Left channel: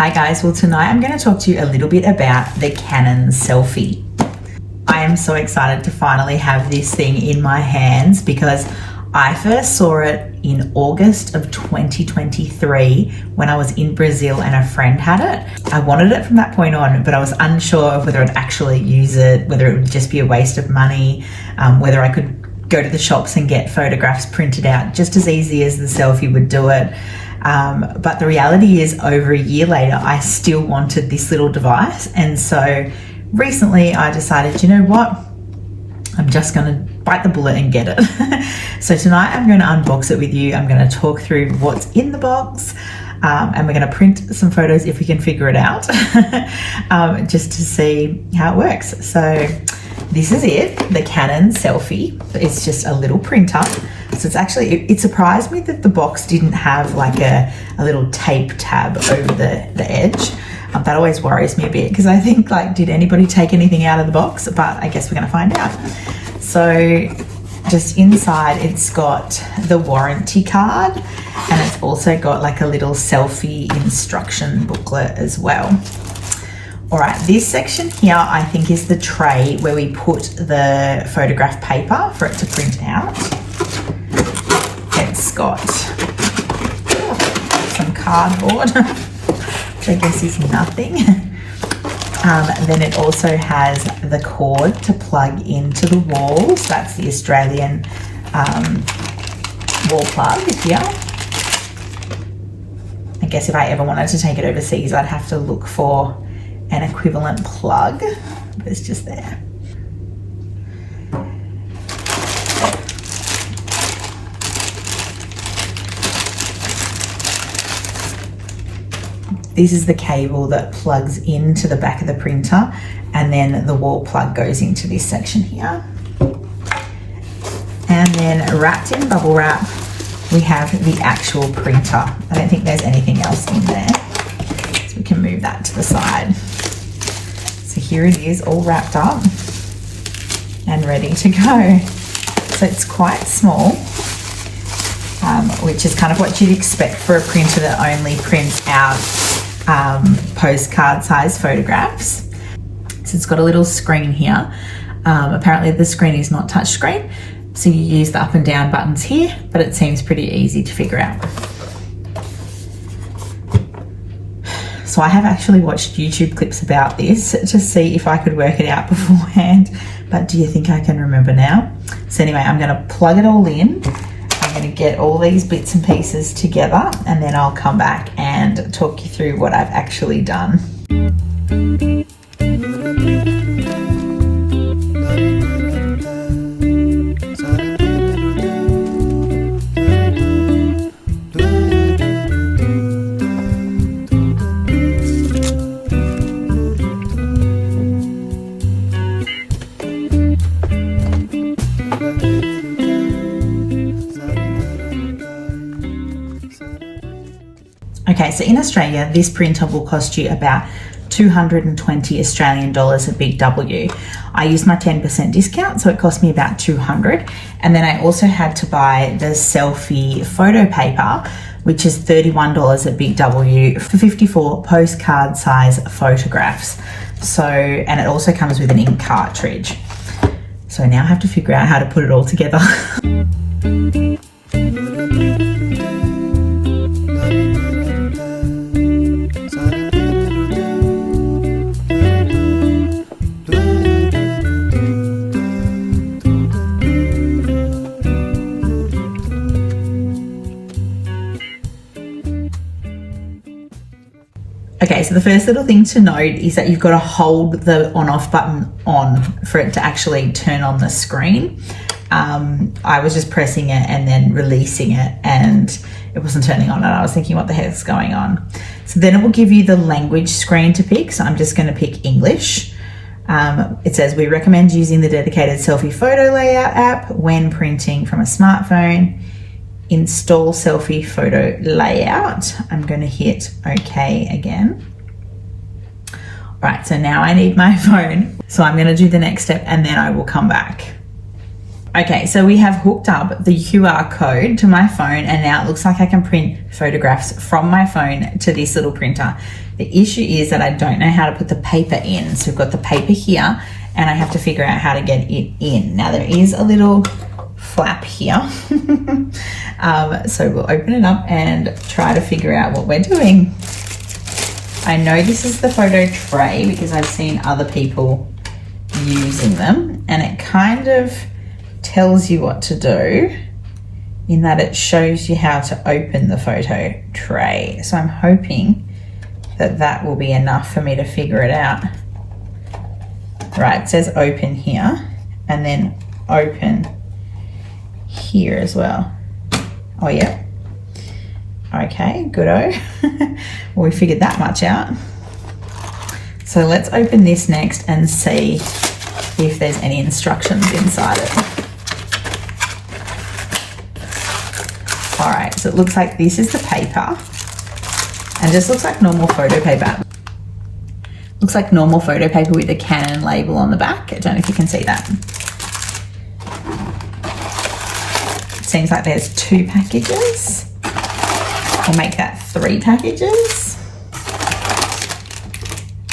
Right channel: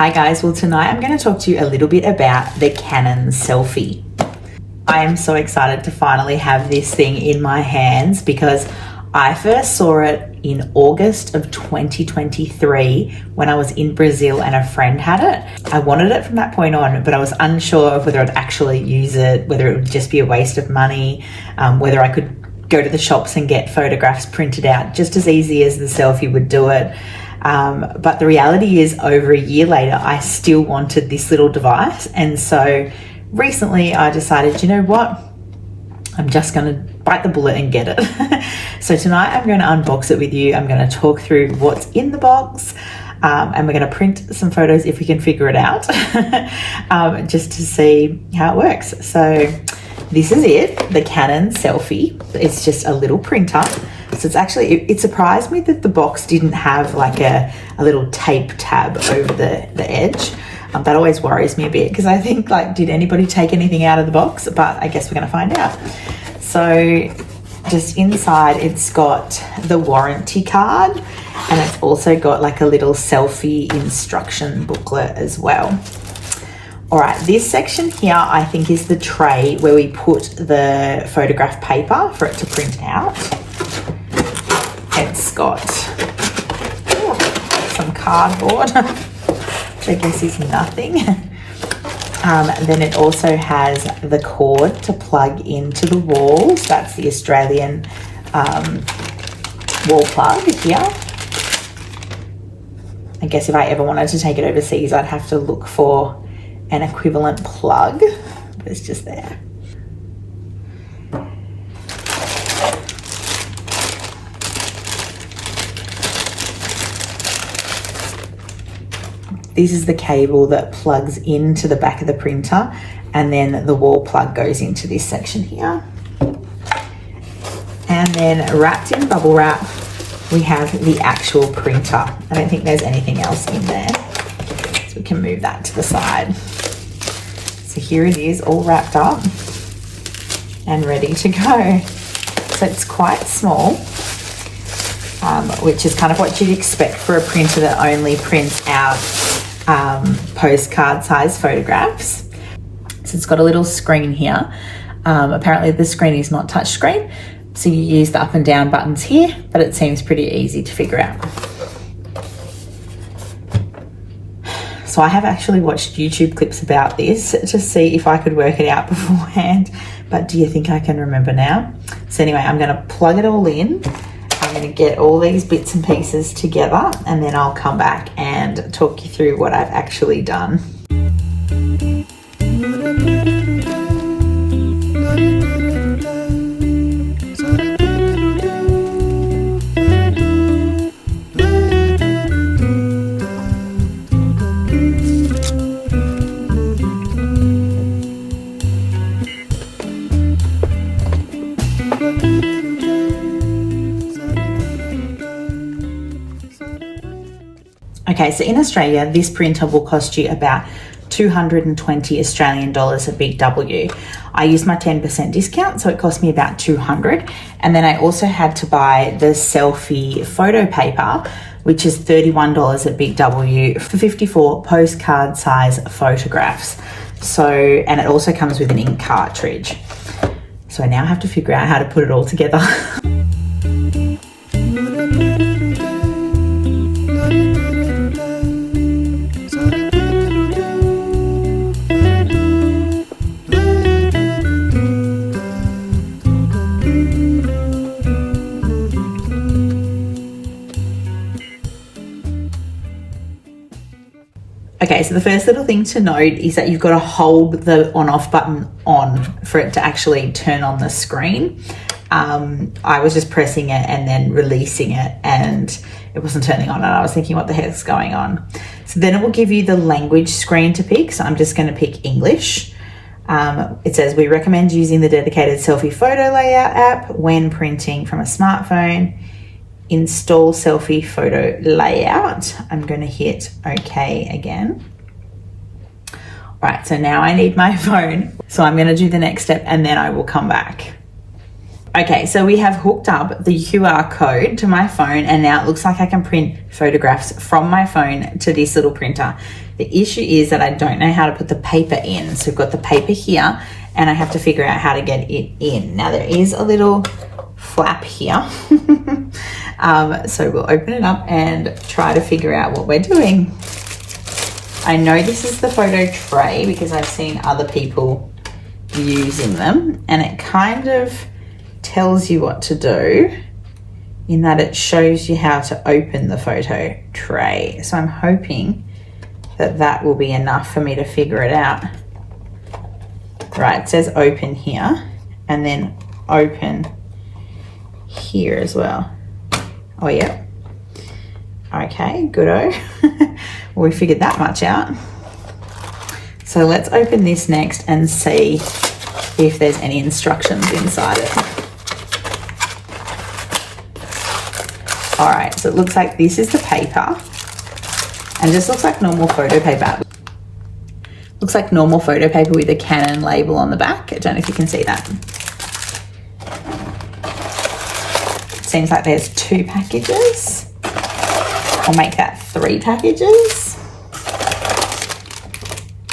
Hi guys, well tonight I'm going to talk to you a little bit about the Canon Selphy. I am so excited to finally have this thing in my hands because I first saw it in August of 2023 when I was in Brazil and a friend had it. I wanted it from that point on, but I was unsure of whether I'd actually use it, whether it would just be a waste of money, whether I could go to the shops and get photographs printed out just as easy as the Selphy would do it. But the reality is, over a year later, I still wanted this little device. And so recently I decided, you know what? I'm just going to bite the bullet and get it. So tonight I'm going to unbox it with you. I'm going to talk through what's in the box. And we're going to print some photos if we can figure it out, just to see how it works. So this is it, the Canon Selphy. It's just a little printer. So it's actually, it surprised me that the box didn't have like a little tape tab over the edge. That always worries me a bit because I think, like, did anybody take anything out of the box? But I guess we're going to find out. So just inside, it's got the warranty card, and it's also got like a little Selphy instruction booklet as well. All right, this section here I think is the tray where we put the photograph paper for it to print out. It's got some cardboard, which I guess is nothing. Then it also has the cord to plug into the walls. That's the Australian wall plug here. I guess if I ever wanted to take it overseas, I'd have to look for an equivalent plug, but it's just there. This is the cable that plugs into the back of the printer, and then the wall plug goes into this section here. And then wrapped in bubble wrap, we have the actual printer. I don't think there's anything else in there, so we can move that to the side. So here it is, all wrapped up and ready to go. So it's quite small, which is kind of what you'd expect for a printer that only prints out postcard size photographs. So it's got a little screen here. Apparently the screen is not touch screen, so you use the up and down buttons here, but it seems pretty easy to figure out. So I have actually watched YouTube clips about this to see if I could work it out beforehand, but do you think I can remember now? So anyway, I'm going to plug it all in. I'm going to get all these bits and pieces together, and then I'll come back and talk you through what I've actually done. Okay, so in Australia, this printer will cost you about 220 Australian dollars at Big W. I used my 10% discount, so it cost me about 200. And then I also had to buy the Selphy photo paper, which is $31 at Big W for 54 postcard size photographs. So, and it also comes with an ink cartridge. So now I have to figure out how to put it all together. Okay, so the first little thing to note is that you've got to hold the on-off button on for it to actually turn on the screen. I was just pressing it and then releasing it, and it wasn't turning on, and I was thinking, what the heck's going on? So then it will give you the language screen to pick, so I'm just going to pick English. It says, we recommend using the dedicated Selphy photo layout app when printing from a smartphone. Install Selphy photo layout. I'm going to hit OK again. All right, so now I need my phone. So I'm going to do the next step and then I will come back. Okay, so we have hooked up the QR code to my phone, and now it looks like I can print photographs from my phone to this little printer. The issue is that I don't know how to put the paper in. So we've got the paper here and I have to figure out how to get it in. Now there is a little flap here. So we'll open it up and try to figure out what we're doing. I know this is the photo tray because I've seen other people using them, and it kind of tells you what to do in that it shows you how to open the photo tray. So I'm hoping that that will be enough for me to figure it out. Right, it says open here and then open here as well. Oh yeah. Okay, good-o. Well, we figured that much out. So let's open this next and see if there's any instructions inside it. All right, so it looks like this is the paper, and just looks like normal photo paper. Looks like normal photo paper with a Canon label on the back. I don't know if you can see that. It seems like there's 2 packages. I'll make that 3 packages.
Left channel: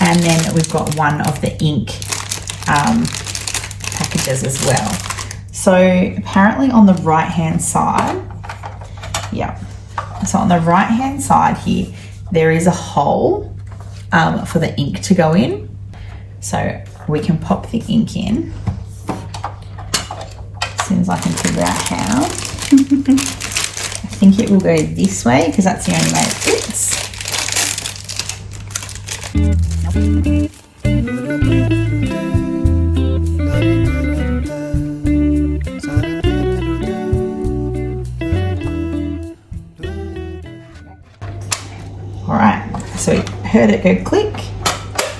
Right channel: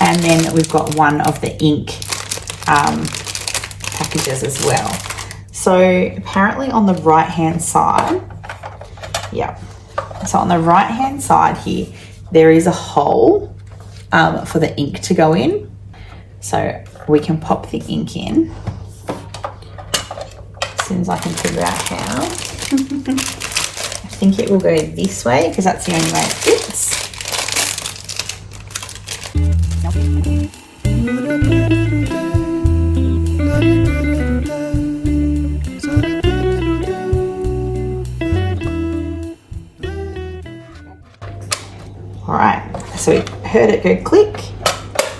And then we've got one of the ink packages as well. So apparently on the right-hand side, yeah. So on the right-hand side here, there is a hole for the ink to go in. So we can pop the ink in as soon as I can figure out how. I think it will go this way because that's the only way it fits. All right, so we heard it go click,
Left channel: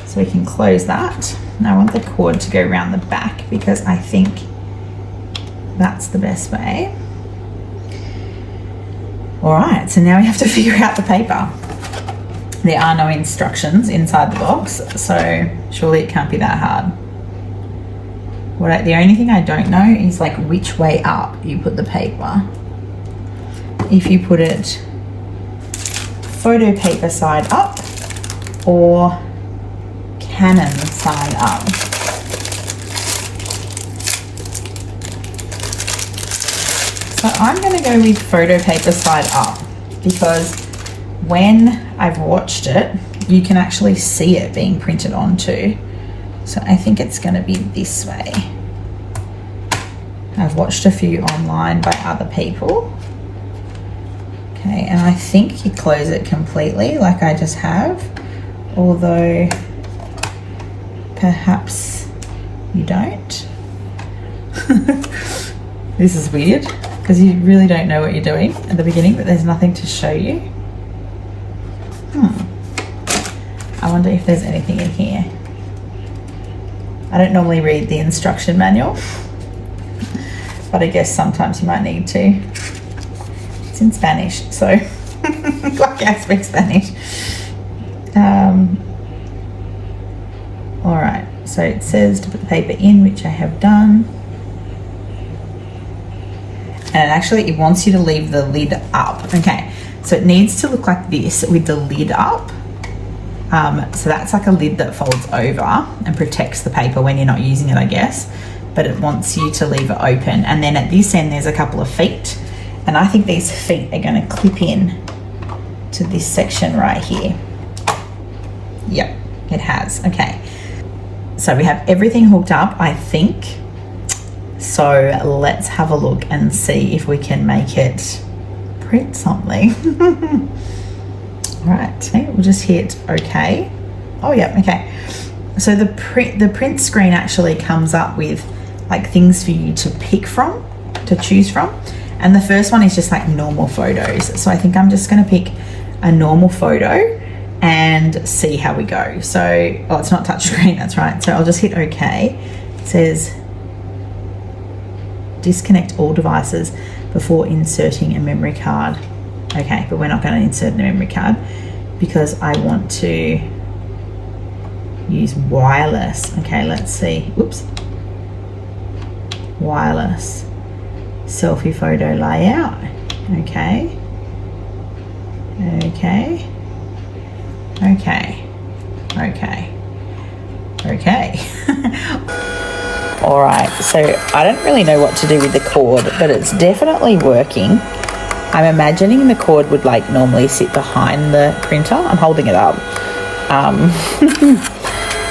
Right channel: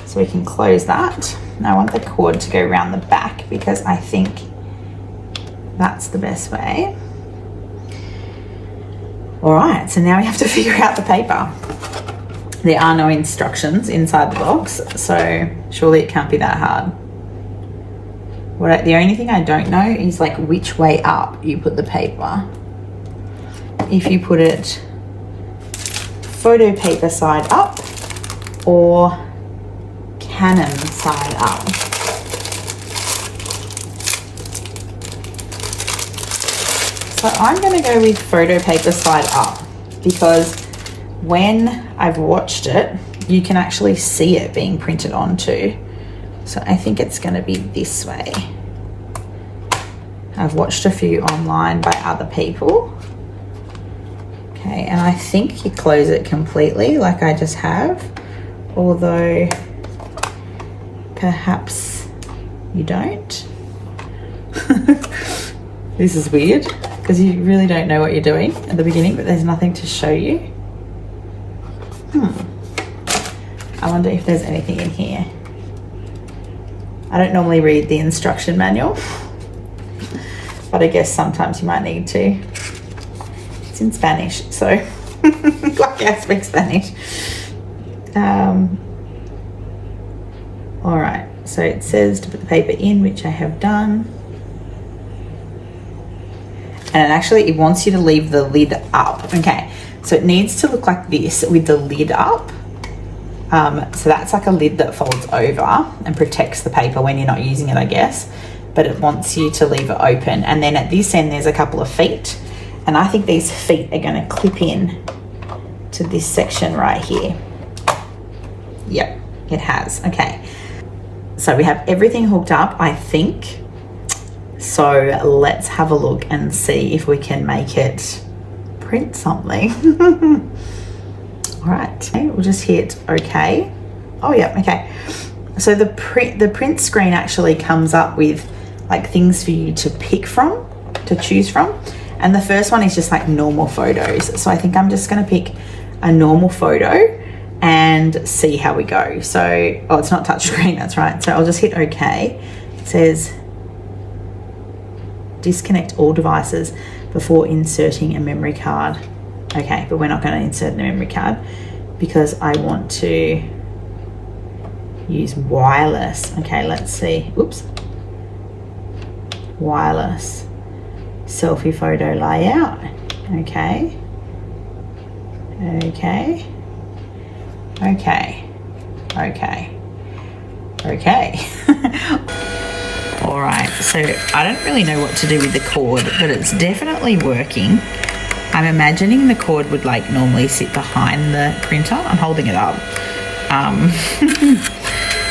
so we can close that. Now I want the cord to go around the back because I think that's the best way. All right, so now we have to figure out the paper. There are no instructions inside the box, so surely it can't be that hard. The only thing I don't know is like which way up you put the paper. If you put it photo paper side up or Canon side up. So I'm going to go with photo paper side up because when I've watched it, you can actually see it being printed onto. So I think it's going to be this way. I've watched a few online by other people. Okay, and I think you close it completely like I just have, although perhaps you don't. This is weird because you really don't know what you're doing at the beginning, but there's nothing to show you. I wonder if there's anything in here. I don't normally read the instruction manual, but I guess sometimes you might need to. It's in Spanish, so like I speak Spanish. All right, so it says to put the paper in, which I have done. And it wants you to leave the lid up. Okay, so it needs to look like this with the lid up. So that's like a lid that folds over and protects the paper when you're not using it, I guess. But it wants you to leave it open. And then at this end, there's a couple of feet. And I think these feet are going to clip in to this section right here. Yep, it has. Okay. So we have everything hooked up, I think. So let's have a look and see if we can make it print something. All right, we'll just hit OK. Oh yeah, okay. So the print screen actually comes up with like things for you to pick from, to choose from. And the first one is just like normal photos. So I think I'm just gonna pick a normal photo and see how we go. So, oh, it's not touch screen, that's right. So I'll just hit OK. It says, disconnect all devices before inserting a memory card. Okay, but we're not going to insert a memory card because I want to use wireless. Okay, let's see. Oops. Wireless selfie photo layout. Okay. Okay. Okay. Alright, so I don't really know what to do with the cord, but it's definitely working. I'm imagining the cord would like normally sit behind the printer. I'm holding it up.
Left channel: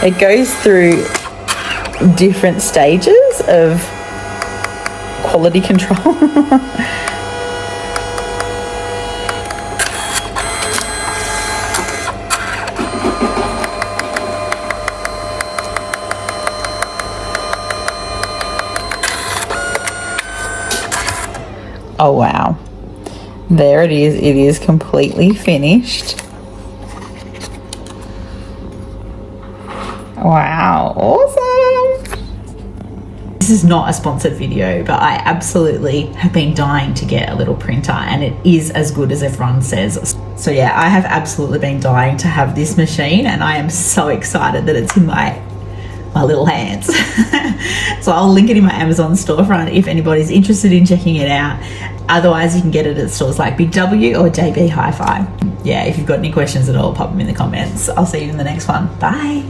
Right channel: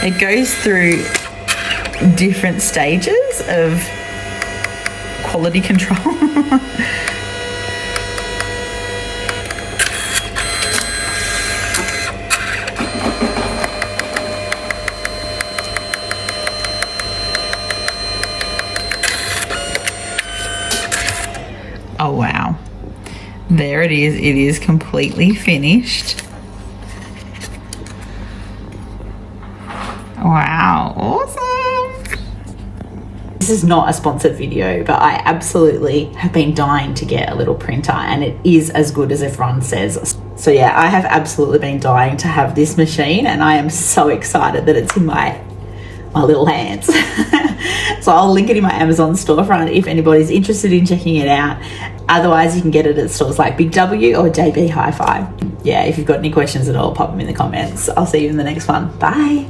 It goes through different stages of quality control. Oh wow, there it is. It is completely finished. Wow, awesome. This is not a sponsored video, but I absolutely have been dying to get a little printer, and it is as good as everyone says. So yeah, I have absolutely been dying to have this machine, and I am so excited that it's in my little hands. So I'll link it in my Amazon storefront if anybody's interested in checking it out. Otherwise, you can get it at stores like Big W or JB Hi-Fi. Yeah, if you've got any questions at all, pop them in the comments. I'll see you in the next one. Bye.